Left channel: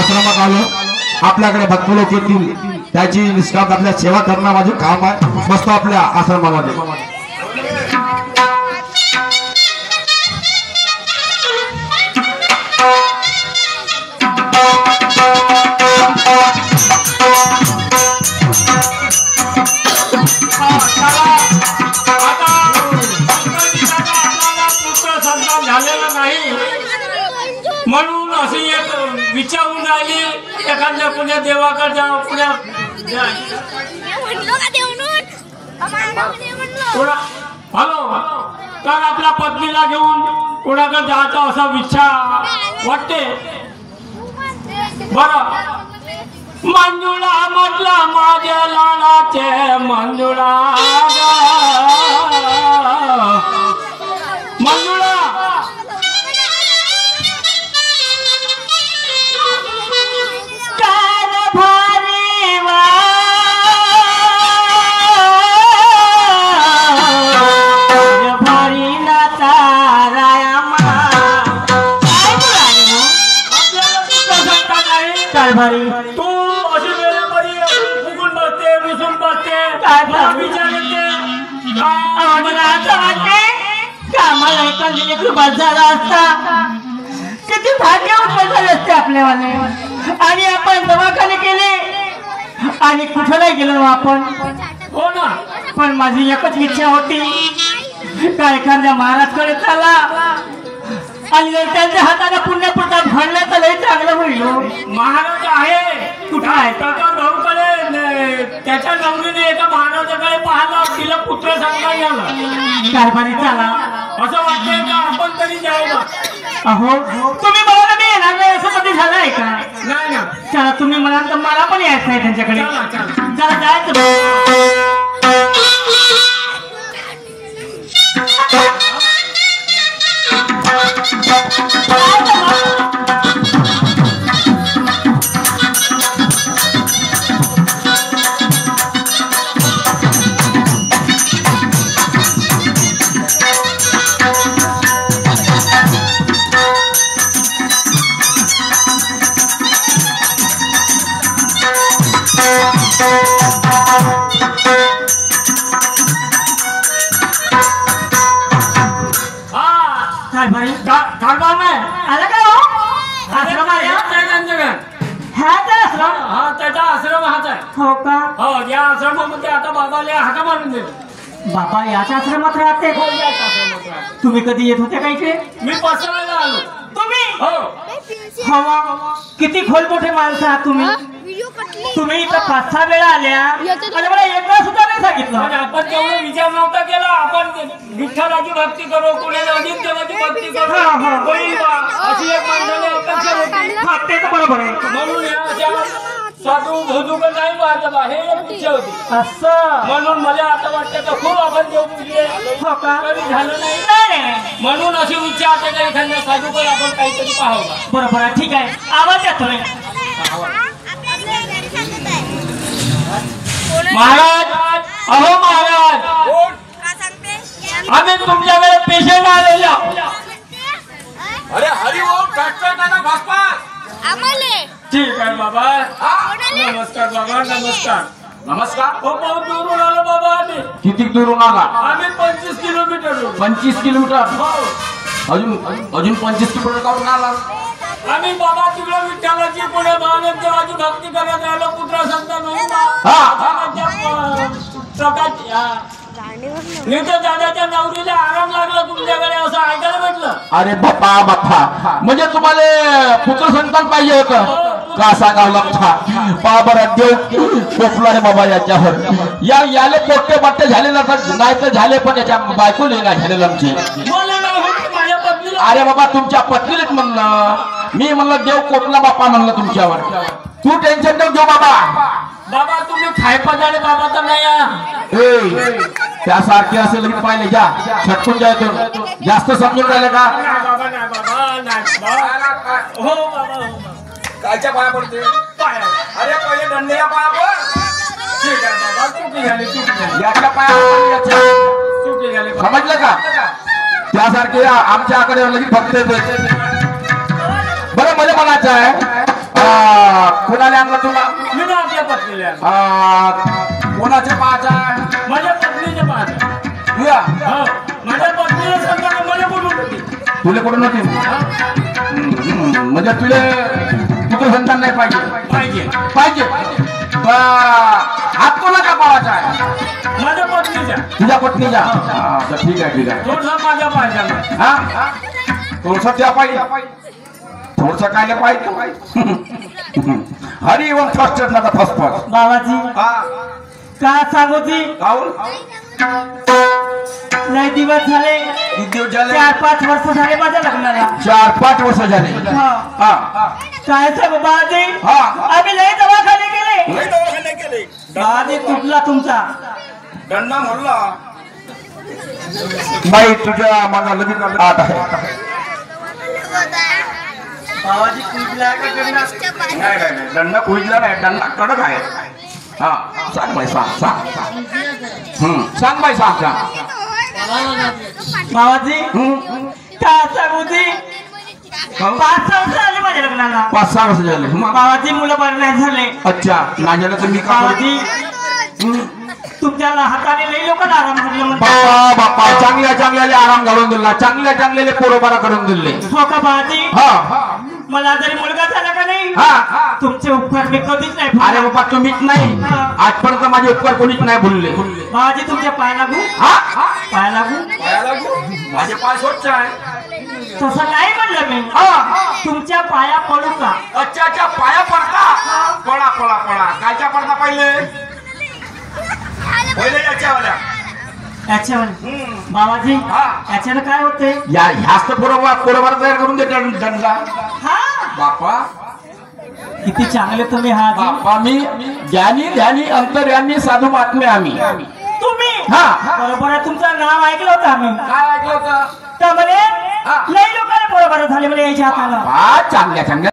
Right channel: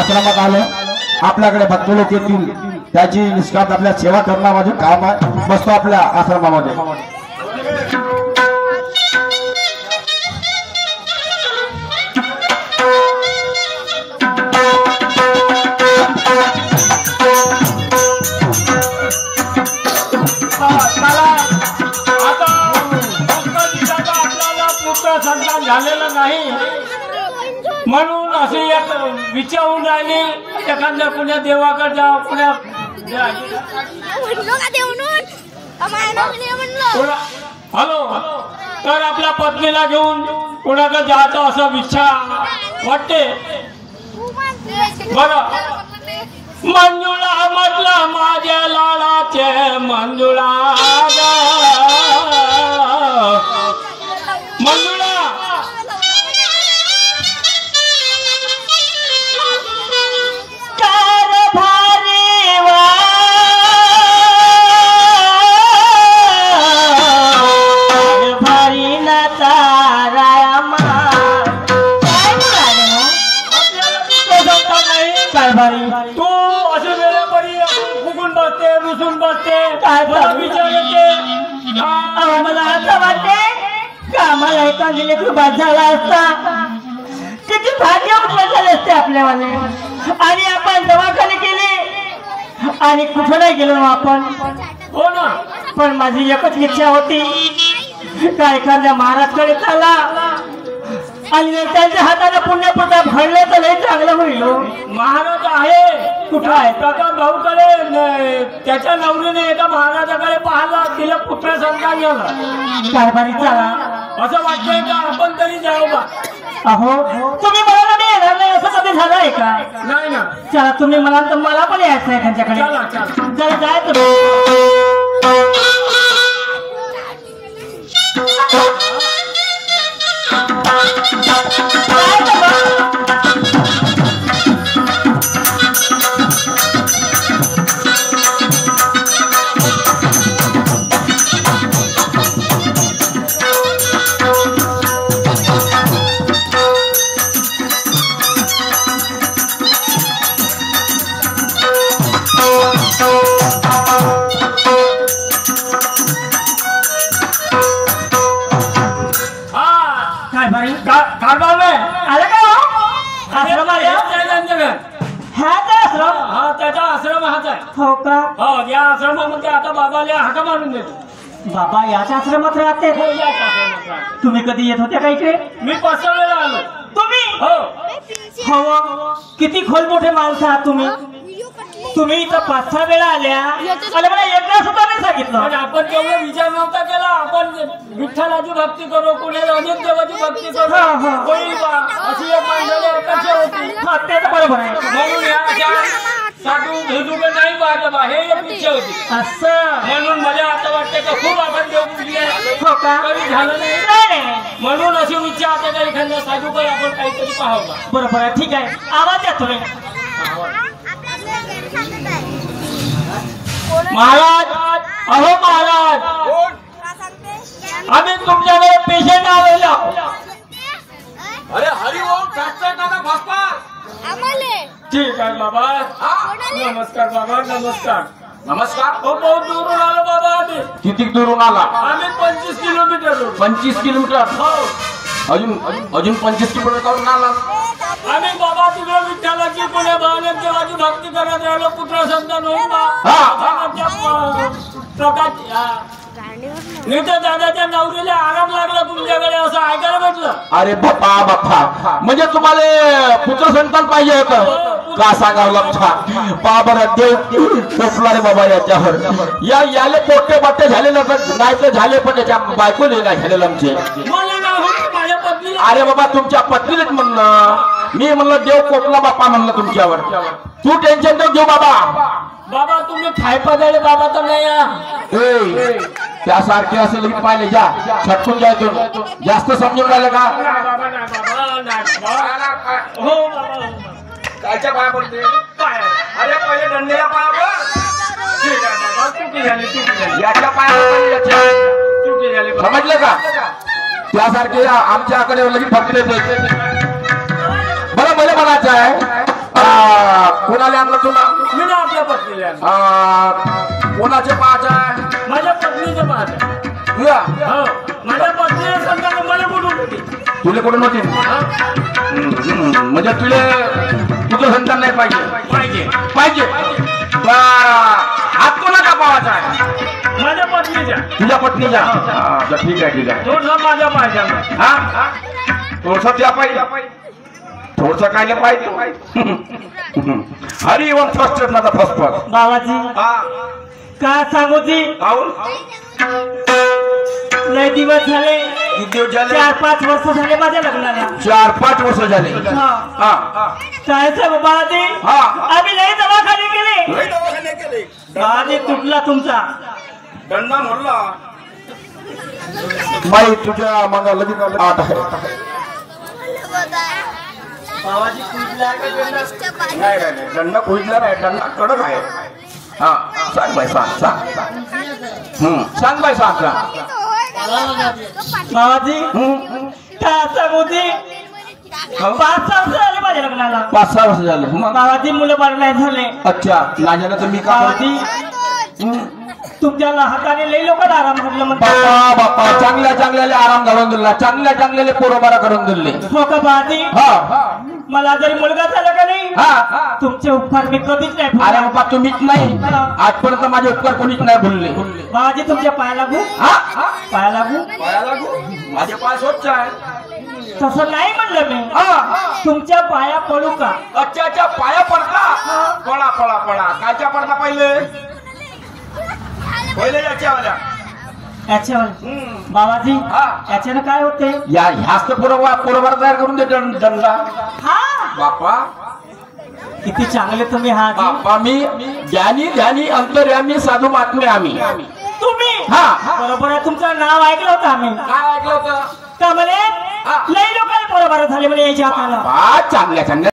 आश्रमात आलो आपल्याकडे भक्त लोक येतील त्याची निष्काम आपल्या सेवा करणं माझे काम आहे बसतो आपल्या आश्रमामध्ये झालेला नाही म्हणून असे एक विचारून राहिले एखाद्या पुण्या देवाकडे जा पुण्या हॅलो तर आपल्या पत्नीला घेऊन कोणाकडे जायचं असं इच्छा वाटते बरं मंजुळा म्हटलं माझ्या लाडाचे मंजुळा मंजुळा तू असे वेळापरी फुगून बसते रुसून बसते काय विचार येते मला असं वाटते कामाला एका दिले बस झाला असता किती भाग्य झाले असते आपल्यावाले आणि आपण दवाखाने केले आणि कुठं नाही गेलो आपण हो ना पण माझी एकच इच्छा होती का एखाद्या महाराजकडे चाला आणि त्यांच्या हाताने पुण्यप्रताप घडले तर लई चांगलं होईल महाराज आहे कुठं आहे काका भाऊकडे त्याच्या नवरीने एका महाराजाकडे पाहिला तिला पुत्र संतान झाला कारभारी चाला असं वाटतंय का आपण तरी जाऊ बा अहो तुम्ही मला मी येणार नाही असं कधी झालं आहे का नाही ना चला तुम्ही म्हणाल तर मला पण यायचं आहे त्यांच्याकडे चला जायचं त्याचा आश्रम हाच आहे हो का हो या आश्रमामध्ये आता बाबाला हाका मारून देतो बाबा याच आश्रमात राहते हो याच आश्रमात राहते तुम्ही कधी येत होते का इकडे मी 5 वेळा आलो तुम्ही हो हो किती खोलमोठे माणसं आहात तुम्ही तुम्ही इथं 5-6 वेळा आल्या आणि मला एकदा सुद्धा नाही सांगितलं आपण तेवढा विचार नव्हता केला आपण विठ्ठलाची भक्ती करू कुठे अनेक देवाची भक्ती करू अशी एक माणसाला अपेक्षा होती ते तर बरोबर आहे म्हणून या साधू धुधू का नाही पाहत बा, हे एक इच्छा होती. असं म्हणून मला आता वाटतं का खूप आपण देऊन गेले हो का तरी झालं नाही. नाही. म्हणून अशी इच्छा आता का एखाद्या साधूकडे आपण काहीतरी पाहावं बा. बरोबर आहे, ठीक आहे, आवाज द्या थोडे. महाराज, अहो महाराज, आम्ही तुमच्याकडे पेशंट आलेलो आहोत. अरे हरी ओम ठटठटाना भास्कर. ठीक आहे बाबा. नमस्कार बाबा, नमस्कार. नमस्कार. हो, बहुत दूरून आलो बाबा आम्ही. किती दुरून आला? आम्ही 25 किलोमीटर. 25 किलोमीटर. हो, अजून 25 किलोमीटर करून आला. आम्ही बाबा तिकडे विठ्ठलाची पुण्या भावनेत देवाची भक्ती करत राहिलो. पुत्र संतान होऊन दादाच्या नवरीला आराम लागला तुमच्याकडे असं ऐकायला भेटलं. अरे बाप्पा म्हणजे तुम्हाला पुत्र संतान पाहिजे होतं का सांगावं बरं देव कोपला रे बाबा याच्यावर. याले पोट्टे बाट्टे झाले नाही तर झाले, पण याच्या बायकोले नाही झालेलं आमचे. मला नाही होत, माझ्या पत्नीला. अरे बाबा तुमच्या पत्नीलेच म्हणलं मी, म्हणलं देव कोपला बाप्पा म्हणलं तुमच्यावर. तू टेन्शन नको घेऊ बाबा. बाबा तुम्ही खाय पदाळे बाबा तर नाही या. त्यासारखे असेल की पाहिले जा छटकून जायचो. जास्त समजून राहिले का? बाबा नाही, बाबा नाही बाबा. हो बाबा, कायच्या पाया पडते? अरे पहिले दंडेला पाया पड. ठीक आहे बाबा, चुकी झाली, चुकी झाली, याच्या पाया पडले, याच्या. चुकी झाली बाबा. समजलं का? त्यासारखे आमच्या आकडे लगेच फक्त येते. बरं मला म्हणायचं आहे कोणाला आणलं तुला? मी ना आपल्या पत्नीला आणलं. कोणाचे पाहायचं आहे? माझ्या पत्नीचे पाहत. तुया हो, माझ्या पत्नीला सांगताना मला कुठून होती. तुला कुठून होती? म्हणजे तुला तुझं संतान नाही पाहिजे? पाहिजे. हात कोणा का पावायचा आहे? माझ्या पत्नीच्या. तुझ्या पत्नीच्या. ठीक आहे. थोडसा माझ्या पाहिजे. हा थोडस त्या पाहिजे. थोडस काय पाहिजे? हरी ओम फर्स्ट फर्स्ट बाबाजी हा का सांगू ती काऊन? लय दिवस झाले, किती दिवस झाले? 4-5 वर्ष झाले माझ्या लग्नाला. 4-5 वर्ष झाले. हा. हा काय सांगू बाबाजी, हा. आम्ही लय दवाखाने केले. लय दवाखाने केले. बाबाजी तुटला तुमचा. गण्णा म्हणला बाई तुझ्या मनाला लगेच आठ आहे. बाबाजी तुटला का गंगा? नाही दंडा पोहोचला नाही. दंडा कडक आहे. हा सांग बाई सांग सांग बाई सांग. बाबाजी का सांगू ती 5 वर्ष झाले माझ्या लग्नाला. 5-6 वर्ष झाले. बाबाजी मुलं बाळ नाही झाले. अच्छा नाही झालं तर मी का? बाबाजी तुमच्या हाताने लई लोकांना आराम दिला बाप्पा बाप्पा चांगल्या आराम घालून दिला. चांगल्या पोरोबारा करून दिले. हो का बाबाजी? हा मला जरी मुलगा झाला का नाही, हा. तुमचे उपकार मी कधीच नाही अरे भुलणार. बाबा तुम्हीच नाही, आजपर्यंत माझे उपकार कोणीच नाही भुलले. बाबाजी तुमच्या पाया लागू, हा पाया लागू. पाया लागू. माझे पाय स्वच्छ आहे. तसं नाही म्हणलं मी, तुमच्या पाया पडू का? अच्छा पाया पडता. पडा कायच्या पडता? पहिले याच्यावाल्या. याच्यावर बाबाजी हा. याच्यानं काय होते? ह्याच तर पोरोबारा तयार करून दे दंडा. हा बापा किती चांगले तुम्ही हा आजी. बाप्पा मी ध्यानी अंतर्यामी साधू महात्मे आम्ही. तुम्ही हा. बरोबर आहे, तुमचं नाव ऐकलं होतं आम्ही. काय ऐकलं होतं? त्यामुळे लई लोकांना बरोबर झाले म्हणे याच्या हाताला. चांगल्या